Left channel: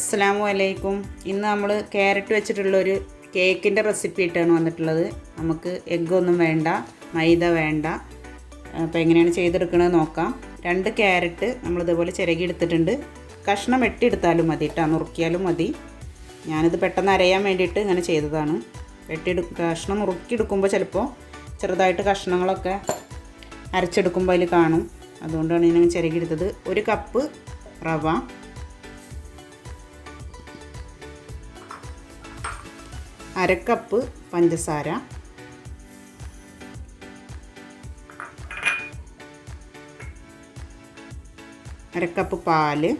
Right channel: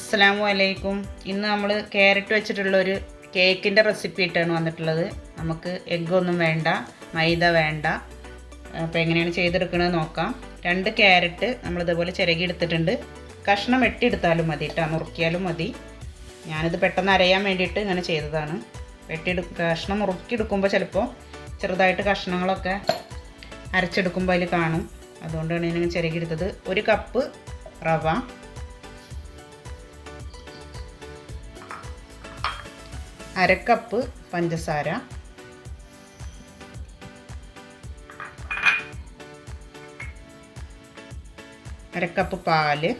അസ്സലാമു അലൈക്കും. ഇന്ന് നമ്മൾ ക്യാരറ്റ് വെച്ചിട്ടുള്ളൊരു കേക്കിൻ്റെ റെസിപ്പി ആയിട്ടാണ് വന്നിട്ടുള്ളത്. നമുക്ക് എഗ്ഗൊന്നും വേണ്ട, മൈദ വേണ്ട. അപ്പോൾ എങ്ങനെയാണ് ചെയ്തെടുക്കണമെന്ന് നോക്കാം. 2 ക്യാരറ്റ് നമ്മളിതുപോലെ ചിരകി എടുത്തിട്ടുണ്ട്. കഷ്ണം വെട്ടിയെടുത്താലും മതി കേട്ടോ, നുറുക്കിയാലും മതി. ഞാനിത് പെട്ടെന്ന് അരയാൻ വേണ്ടിയിട്ട് ഇങ്ങനെ ചെയ്തതാണ്. കഷ്ണം മുറുക്കിയെടുക്കുമ്പോൾ ചിലപ്പോൾ ചെറുതായിട്ട് കഷ്ണങ്ങളൊക്കെ അരച്ചെടുക്കുമ്പോൾ അതിൽ കാണും. അതുകൊണ്ടാണ് ഞാൻ ചിരകി എടുത്തത്. 1 കപ്പ് റവ, 1/2 കപ്പ് പഞ്ചസാര, 1/2 കപ്പ് പാല്,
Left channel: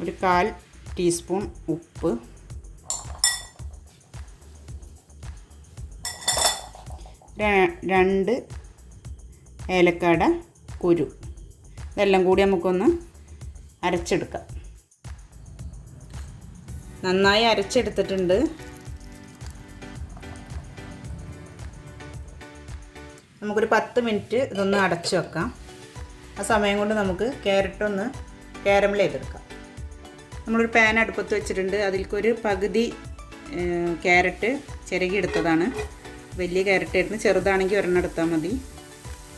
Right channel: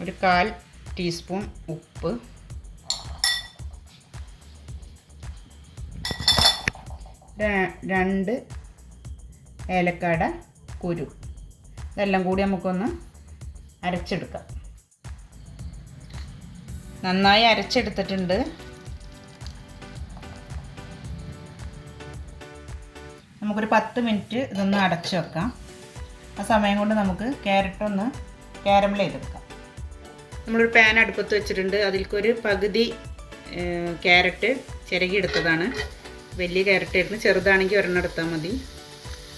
1/4 ടീസ്പൂൺ ഉപ്പ്, 2 ഏലക്കാട കുരു. ഇതെല്ലാം കൂടി നമുക്കൊന്ന് അരച്ചെടുക്കാം. നന്നായി അരച്ചെടുത്തിട്ടുണ്ട്. നമുക്കൊരു 10 മിനിറ്റ് ഇതൊന്ന് അടച്ചു വെക്കാം. ആ സമയം കൊണ്ട് നമുക്ക് ക്യാരറ്റ് ഒന്ന് കാരമൽ ചെയ്തെടുക്കാം. നമ്മളൊരു പാൻ അടുപ്പത്ത് വെച്ചിട്ടുണ്ട്. അതിലേക്കൊരു പകുതി ക്യാരറ്റ് ചിരകി എടുത്തതാണ്. വലിയ ക്യാരറ്റ് ആയിരുന്നു, ചെറുതാണെങ്കിൽ ഒരെണ്ണം എടുത്താൽ മതി.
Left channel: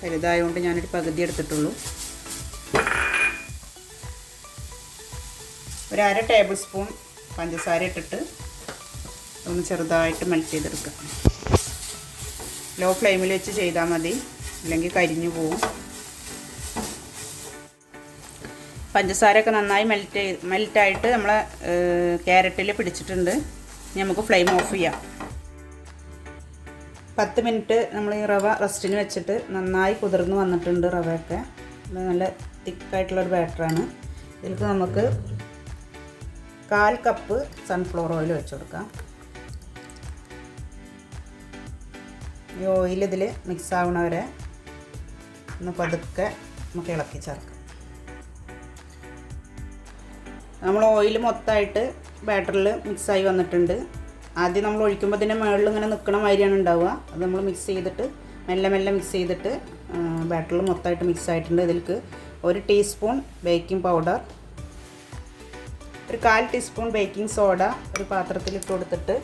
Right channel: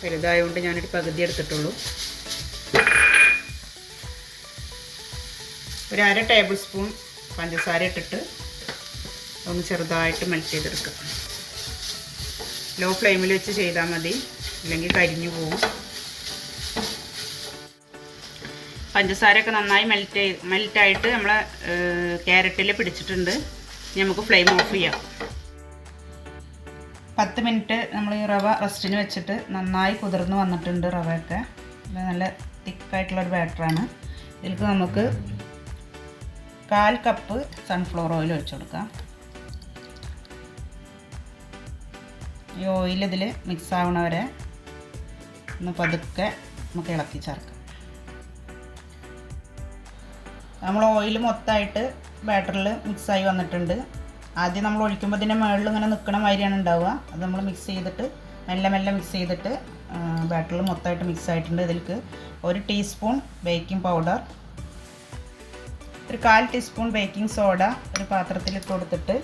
വലുതായതുകൊണ്ട് ഞാനൊരു പകുതി എടുത്തിട്ടുള്ളൂ. 1/2 ടേബിൾ സ്പൂൺ പഞ്ചസാര ഇട്ടിട്ട് ഒന്ന് ചെറുതായിട്ട് മെൽറ്റ് ചെയ്തെടുക്കുക. ലോ ഫ്ലെയിമിൽ വെച്ച് ചെയ്താൽ മതി, അല്ലെങ്കിൽ കരിഞ്ഞു പോകും. പഞ്ചസാരയൊക്കെ നന്നായി മെൽറ്റായിട്ട് നമ്മളെ ക്യാരറ്റിൽ പിടിച്ചിട്ടുണ്ട്. ഇനി നമുക്ക് ഫ്ലെയിം ഓഫ് ചെയ്യാം. 10 മിനിറ്റ് നമ്മൾ ഈ റവ റെസ്റ്റിന് വെച്ചിട്ട് നന്നായി കുതിർന്ന് വന്നിട്ടുണ്ട്. റവയൊക്കെ നല്ല തിക്കായിട്ടുള്ളൊരു ബാറ്ററാണ്. ഇതിലേക്ക് നമുക്ക് 1/4 കപ്പ് സൺഫ്ലവർ ഓയിൽ ഒഴിച്ചു കൊടുക്കാം. ഈ ഓയിൽ ഇതിൽ മിക്സ് ആവണ വരെ ഒന്ന് പതുക്കെ നമുക്ക് ഇളക്കി ചേർക്കാം. നമ്മൾ ഓയിൽ മൊത്തമായിട്ട് ബാറ്ററിൽ മിക്സായി വന്നിട്ടുണ്ട്. ആദ്യം നമ്മൾ ഒഴിക്കുമ്പോൾ ഇതിൻ്റെ മുകളിൽ ഇങ്ങനെ നിൽക്കണ മാതിരിയാണ് ഉണ്ടാവുക. അത് നമ്മൾ മിക്സ് ചെയ്തിട്ട് മെല്ലെ മിക്സ് ചെയ്തിട്ട് ബാറ്ററിൽ മൊത്തമായിട്ട് മിക്സ് ആയിട്ടുണ്ട്. ഇതിലേക്ക് 1 teaspoon baking powder, 1/4 teaspoon baking soda ഒരു പാത്രത്തിലിട്ട് കൊടുത്തിട്ട്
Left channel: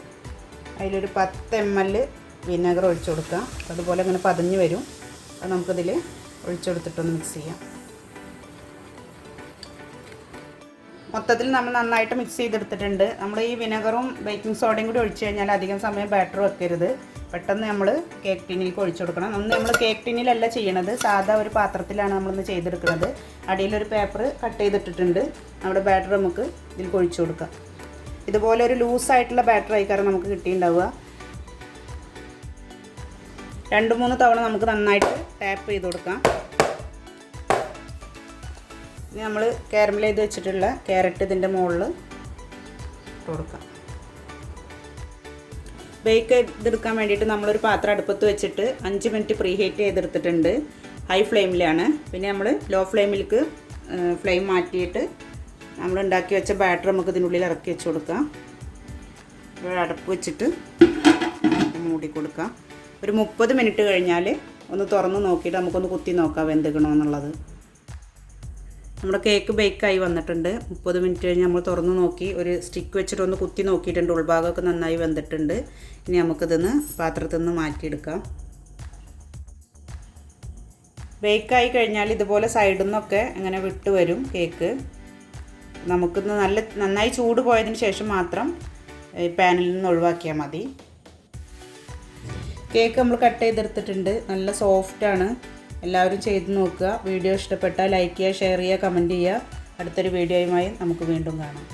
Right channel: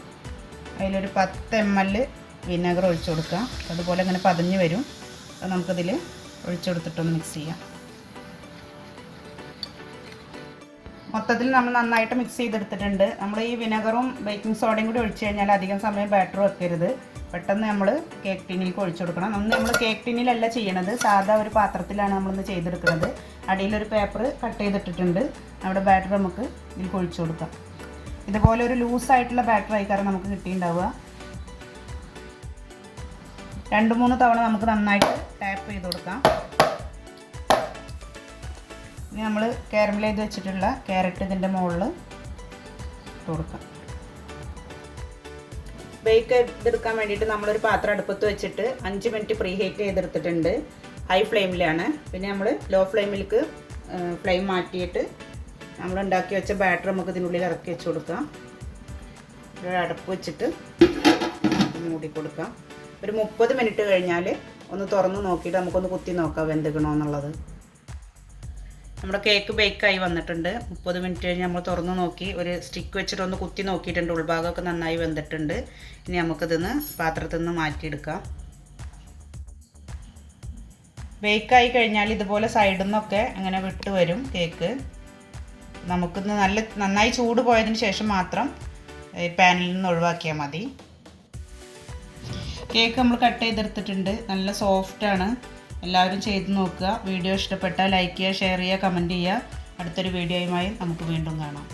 അതിലൊരു 10 ml വിനെഗർ ഒഴിച്ചു കൊടുക്കാം. അതുപോലെ ഇങ്ങനെ പതഞ്ഞ് വരും. അത് നമുക്കിതിൽ ഒഴിച്ചു കൊടുത്തിട്ടൊന്ന് മിക്സ് ചെയ്യാം. മൊത്തത്തിൽ നമ്മൾ നന്നായിട്ട് മിക്സ് ചെയ്തെടുത്തിട്ടുണ്ട്. നമ്മൾ ഈ വിനെഗറും ബേക്കിംഗ് സോഡയും കൂടി ഒഴിച്ച് കഴിഞ്ഞാൽ അധികം സമയം ബാറ്റർ വെക്കരുത്. പെട്ടെന്ന് നമ്മൾ കേക്ക് ടിന്നിലേക്ക് ഒഴിച്ചു കൊടുക്കണം. അന്ന് നമ്മൾ കേക്ക് ടിന്നിലല്ല ചെയ്യണത്, സാധാ ഒരു പാത്രത്തിലാണ് നമ്മളിന്ന് ചെയ്തെടുക്കുന്നത്. അടിയിലൊരു പേപ്പർ കട്ട് ചെയ്തിട്ടിട്ടുണ്ട്. നമ്മുടെ ബാറ്റർ നമുക്ക് ഇതിൽ ഒഴിച്ചു കൊടുക്കാം. ഇതുപോലെ ഒരു ലൂസായിട്ടുള്ള ബാറ്റർ ആയിക്കാരം നമുക്ക് കിട്ടിയിട്ടുണ്ടാവുക. 2-3 തവണ നമുക്ക് നന്നായിട്ട് ടാപ്പ് ചെയ്ത് കൊടുക്കാം. ഇനി നമ്മൾ കാരമൽ ചെയ്ത് വെച്ചിട്ടുള്ള ക്യാരറ്റ് ഇതിൻ്റെ മുകളിൽ ഇട്ട് കൊടുക്കാം. ബേക്ക് ചെയ്തെടുക്കാൻ വേണ്ടിയിട്ട് നമ്മളൊരു പാത്രം അടുപ്പത്ത് വെച്ചിട്ട് 5 മിനിറ്റ് പ്രീ ഹീറ്റ് ചെയ്തെടുത്തിട്ടുണ്ട്. ഹൈ ഫ്ലെയിമിലാണ്. പിന്നെ നമ്മൾ ലോ ഫ്ലെയിമിലേക്ക് ഫ്ലെയിം മാറ്റിയിട്ട് നമ്മൾ ഉണ്ടാക്കി വെച്ച ബാറ്റർ നമുക്ക് ഇതിനുള്ളിൽ ഇറക്കി വെച്ച് കൊടുക്കാം. ഒരു അടപ്പ് വെച്ചിട്ട് മൂടി കൊടുക്കാം. ഒരു 30 മിനിറ്റ് കഴിഞ്ഞാൽ ഒന്ന് തുറന്ന് നോക്കിയിട്ട് നമുക്കൊന്ന് കുത്തി നോക്കാം വെന്തിക്കണമെന്നുള്ളത്. നമ്മുടെ കേക്ക് ബേക്കായി വന്നിട്ടുണ്ട്. 30 മിനിറ്റ് കഴിഞ്ഞ് നമ്മൾ തുറന്ന് നോക്കി ഒരു സ്റ്റിക്ക് വെച്ചിട്ട് ഒന്ന് കുത്തി നോക്കിയിട്ടുണ്ട്. ഉൾഭാഗമൊക്കെ നന്നായി വെന്തിട്ടുണ്ട്. ഇനി നമുക്കിതൊന്ന് പാത്രത്തിൽ നിന്ന് മാറ്റിയെടുക്കാം. ബേക്കായി കഴിഞ്ഞാൽ ഇതുപോലെ സൈഡിൽ നിന്നൊക്കെ ഇങ്ങനെ വിട്ട് വരും കേക്ക്. നമുക്കിന്ന് നന്നായി ചൂട് പോയതിന് ശേഷം മാത്രം പാനിൽ നിന്ന് ഒഴിവാക്കിയാൽ മതി. കേക്ക് നമ്മൾ കട്ട് ചെയ്തെടുത്തിട്ടുണ്ട്. നല്ല സോഫ്റ്റാണ്. എല്ലാവരും ചെയ്ത് നോക്കുക. വീഡിയോ ഇഷ്ടപ്പെട്ടാൽ ലൈക്ക് ചെയ്യുക, ഷെയർ ചെയ്യുക, കമൻറ്റ് ചെയ്യുക. അടുത്തൊരു വീഡിയോയുമായി നമുക്ക് വീണ്ടും കാണാം.